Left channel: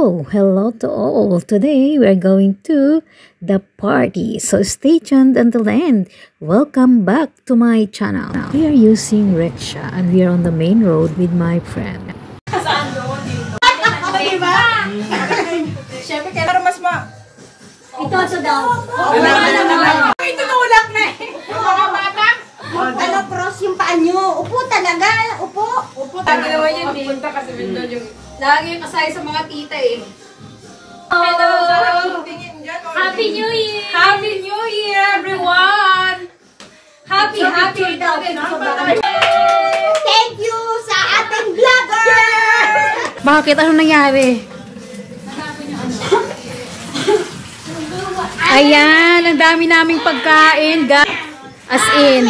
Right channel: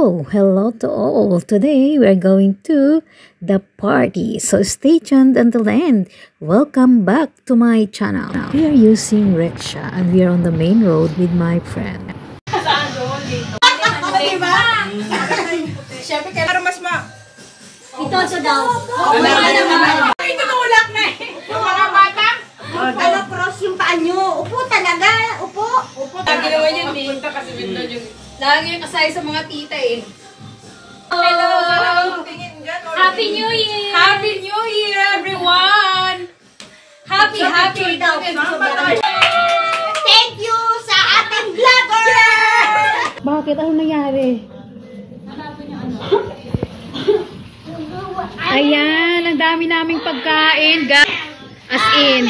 Hello to all. Today we're going to the party. So stay tuned until the end. Welcome back to my channel. We are using rickshaw and we are on the main road with my friend. Diba? Siyempre, kailangan mas Ito sa daw. Ito tulak na eh. Mga bata. Ano, cross yung paa nyo. Upo talaga. Upo. Lagi naman yun eh. Punta kasi yung lagi yung kasaya sa mga tita eh. Hello! Happy New Year! Happy New Year, everyone! Happy daw. Thank you sa ating vlogger! Bakit? Ano nangyari? Ayan, ang dami naming pagkain. As in.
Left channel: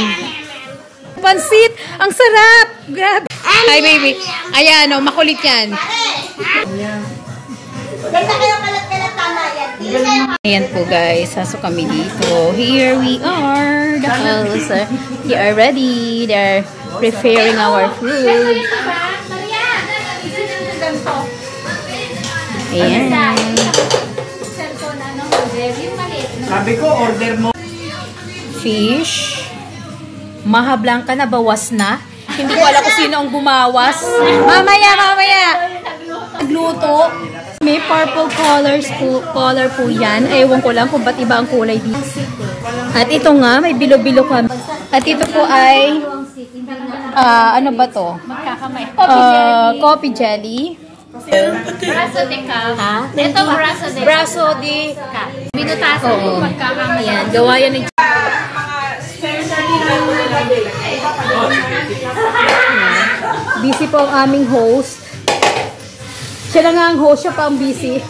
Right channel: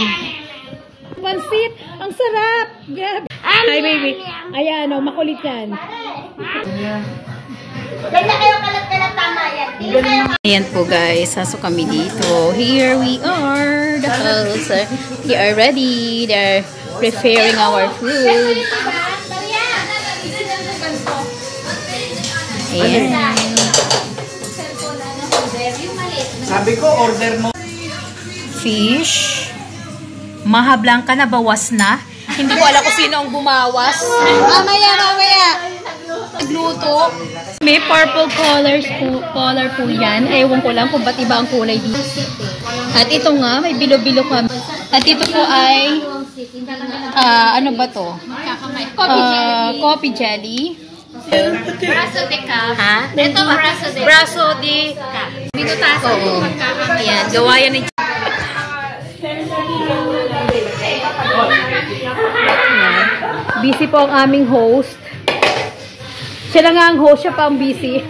Pansit! Ang sarap! Grabe! Hi, baby. Ayan, oh, makulit yan. Ganda kayo kalat-kalat, tama yan. Ayan po guys, sasok kami dito. Here we are, the house. We are ready. They're preparing our food. Ayan. Sabi ko, order mo. Fish. Maha Blanca na bawas na. Hindi ko alam kung sino ang bumawas. Mamaya. Nagluto. May purple color po yan. Ewan ko lang kung ba't iba ang kulay dito. At ito nga, may bilo-bilo kami. At ito po ay, ano ba to? Coffee jelly. Braso de Cal. Ha? Ito, braso de Braso de Binutasan. Oo. Ayan, gawa yan ng busy po ang aming host. Siya na nga ang host, siya pa ang busy.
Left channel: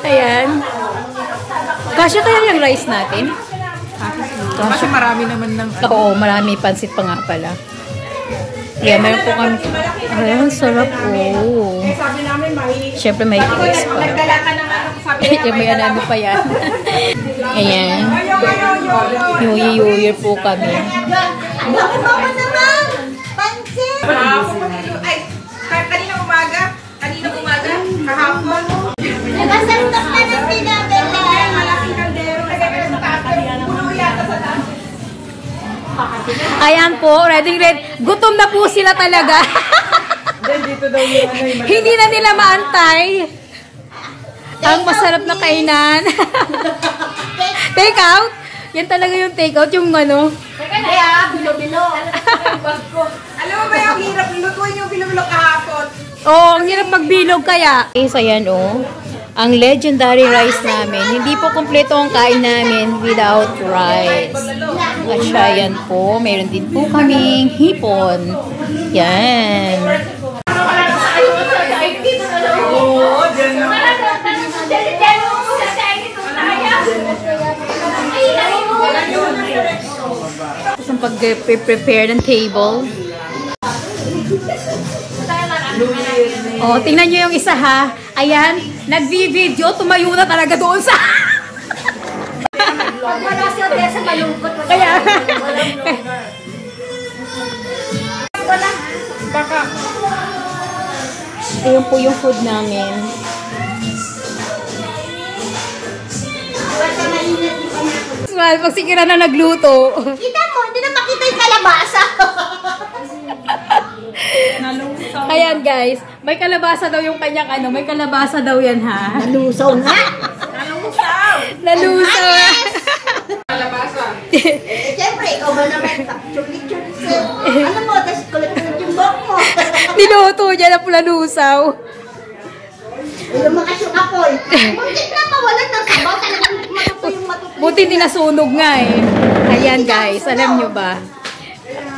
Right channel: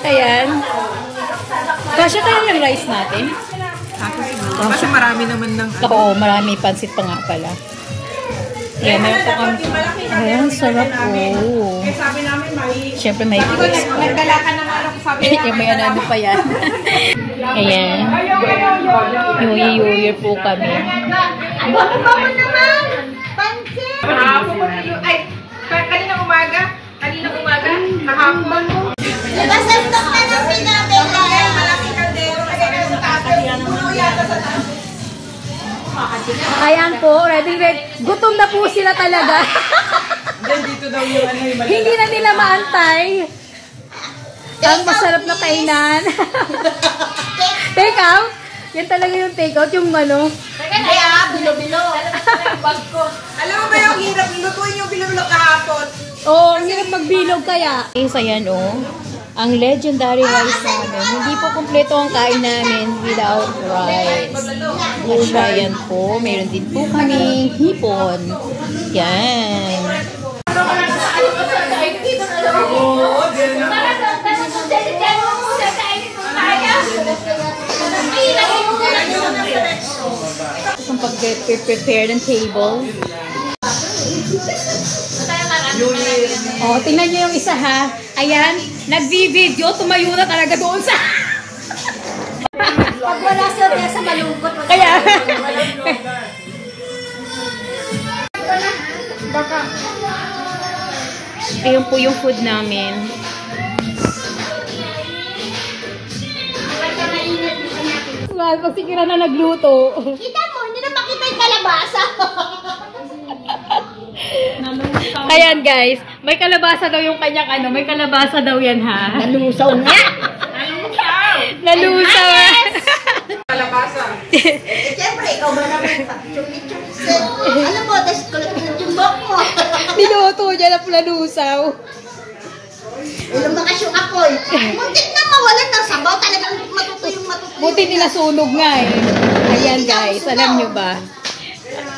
Ayan. Kasya kaya yung rice natin? Kasi marami naman ng Oo, marami. Pansit pa nga pala. Ayan, meron po kami. Ayan, sarap po. Siyempre may cakes pa. Yung may ano pa yan. Ayan. Yuyi po kami. Bakit naman? Pansin! Ay, kanina umaga, kahapon. Basta ito ka ng pinabela. Malaking kaldero. Kaya sa tatay. Puno yata sa taas. Ayan po, ready. Gutom na po sila talaga. Dito daw yung ano yung Hindi na nila maantay. Ang masarap na kainan. Take out? Yan talaga yung take out, yung ano. Kaya, bilo-bilo. Alam mo ba yung hirap? Inutuin yung bilo-bilo kahapon. Oh, ang hirap magbilog kaya. Ayan oh. Ang legendary rice namin. Hindi po kumpleto ang kain namin without rice. At siya yan po. Mayroon din po kaming hipon. Yan. Ang pag-prepare ng table. Oh, tingnan nyo yung isa ha. Ayan, nag-video, tumayo na talaga doon sa... Pag wala siya, sa malungkot. Kaya... Baka. Ayun po yung food namin. Well, pag si Kira na nagluto. Kita mo, hindi na makita yung kalabasa. Ayan guys, may kalabasa daw yung kanyang ano, may kalabasa daw yan ha. Nalusaw na. Nalusaw. Kalabasa. Siyempre, ikaw ba naman? Chukit-chukit. Ano mo, tapos kulit mo ng timbok mo. Niluto niya na pula lusaw. Lumakas yung apoy. Muntik na mawalan ng sabaw. Talagang matuto yung matuto. Buti nila sunog nga eh. Ayan guys, alam nyo ba?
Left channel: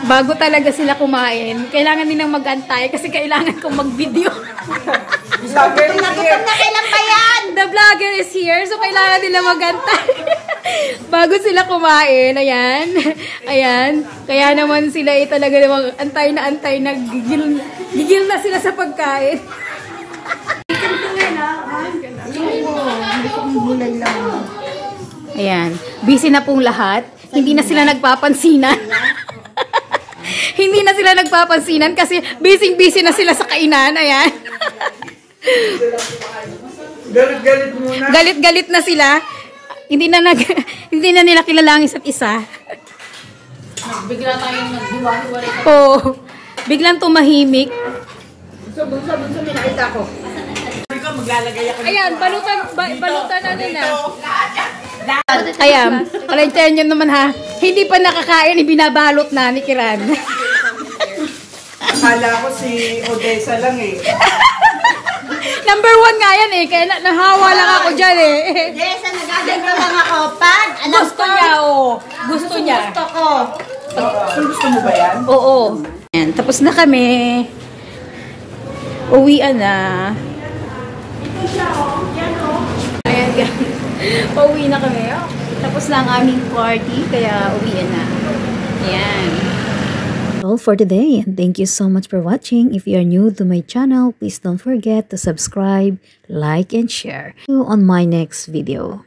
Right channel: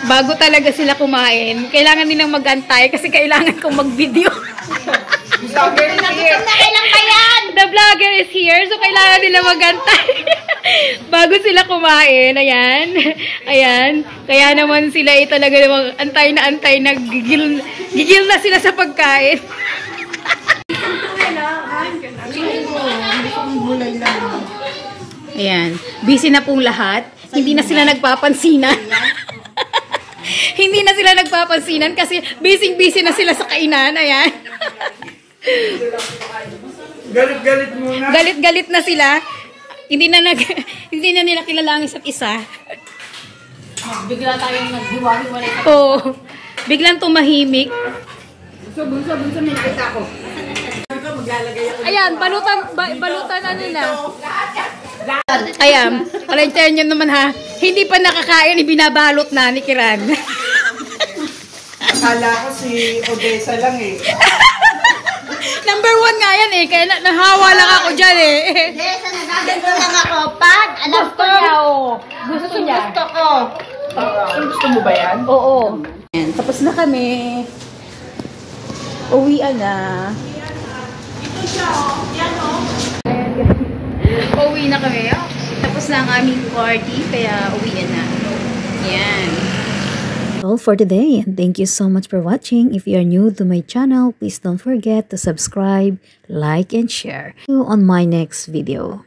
Bago talaga sila kumain, kailangan nilang mag-antay kasi kailangan kong mag-video. Nagutom na kailang kayan. The vlogger is here, so kailangan nila mag-antay. Bago sila kumain, ayan. Ayan. Kaya naman sila talaga namang antay na gigil na sila sa pagkain. Ayan. Busy na pong lahat. Hindi na sila nagpapansinan. Hindi Hindi na sila nagpapansinan kasi busy-busy na sila sa kainan. Ayan. Galit-galit muna. Galit-galit na sila. Hindi na nila kilala ang isa't isa. Bigla tayong naghiwa-hiwalay. Oo. Biglang tumahimik. Bunso, may nakita ko. Maglalagay ako. Ayan, balutan ano na. Ayan, kalentyan nyo naman ha. Hindi pa nakakain, binabalot na ni Kiran. Akala ko si Odessa lang eh. Number 1 nga yan eh, kaya nahawa lang ako dyan eh. Yes, nagaganto lang ako pag alam Gusto niya, oh. Gusto niya. Gusto ko. Gusto mo ba yan? Oo. Ayan, tapos na kami. Uwian na. Ito siya oh. Yan oh. Ayan, uwi na kami. Oh. Tapos na ang aming party, kaya uwian na. Ayan. All for today, and thank you so much for watching. If you are new to my channel, please don't forget to subscribe, like, and share. See you on my next video.